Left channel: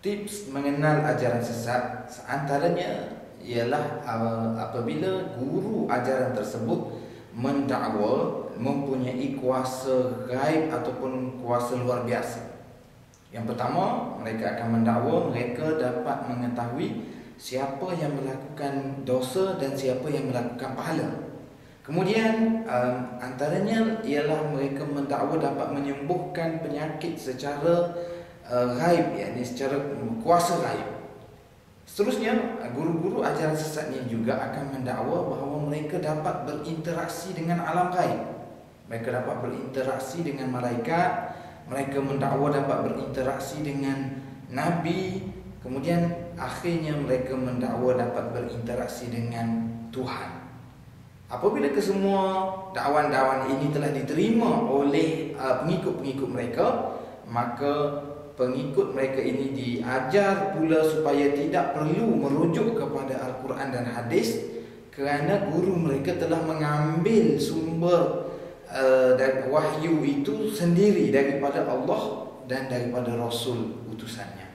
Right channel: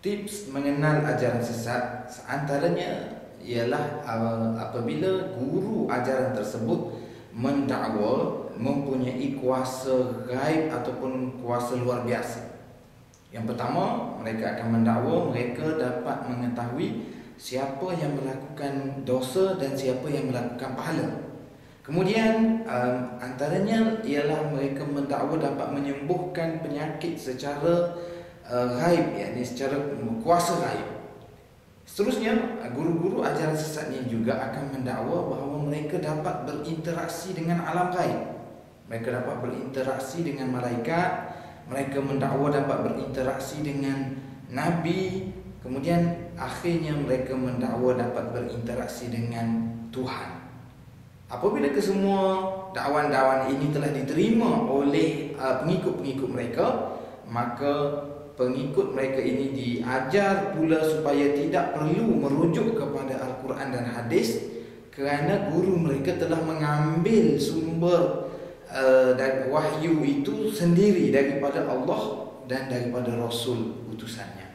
Tips mengenal ajaran sesat antaranya ialah apabila guru ajaran tersebut mendakwa mempunyai kuasa gaib ataupun kuasa luar biasa. Yang pertama, mereka akan mendakwa mereka dapat mengetahui siapa yang melakukan dosa dan siapa yang melakukan pahala. Kemudian antaranya ialah mereka mendakwa dapat menyembuhkan penyakit secara gaib, yakni secara kuasa gaib. Seterusnya, guru-guru ajaran sesat ini juga akan mendakwa bahawa mereka dapat berinteraksi dengan alam gaib. Mereka dapat berinteraksi dengan malaikat, mereka mendakwa dapat berinteraksi dengan nabi, kemudian akhirnya mereka mendakwa dapat berinteraksi dengan Tuhan. Apabila kesemua dakwan-dakwan ini telah diterima oleh pengikut-pengikut mereka, maka pengikut mereka ini diajar pula supaya tidak perlu merujuk kepada Al-Quran dan hadis, kerana guru mereka telah mengambil sumber dan wahyu itu sendiri daripada Allah dan daripada Rasul utusannya.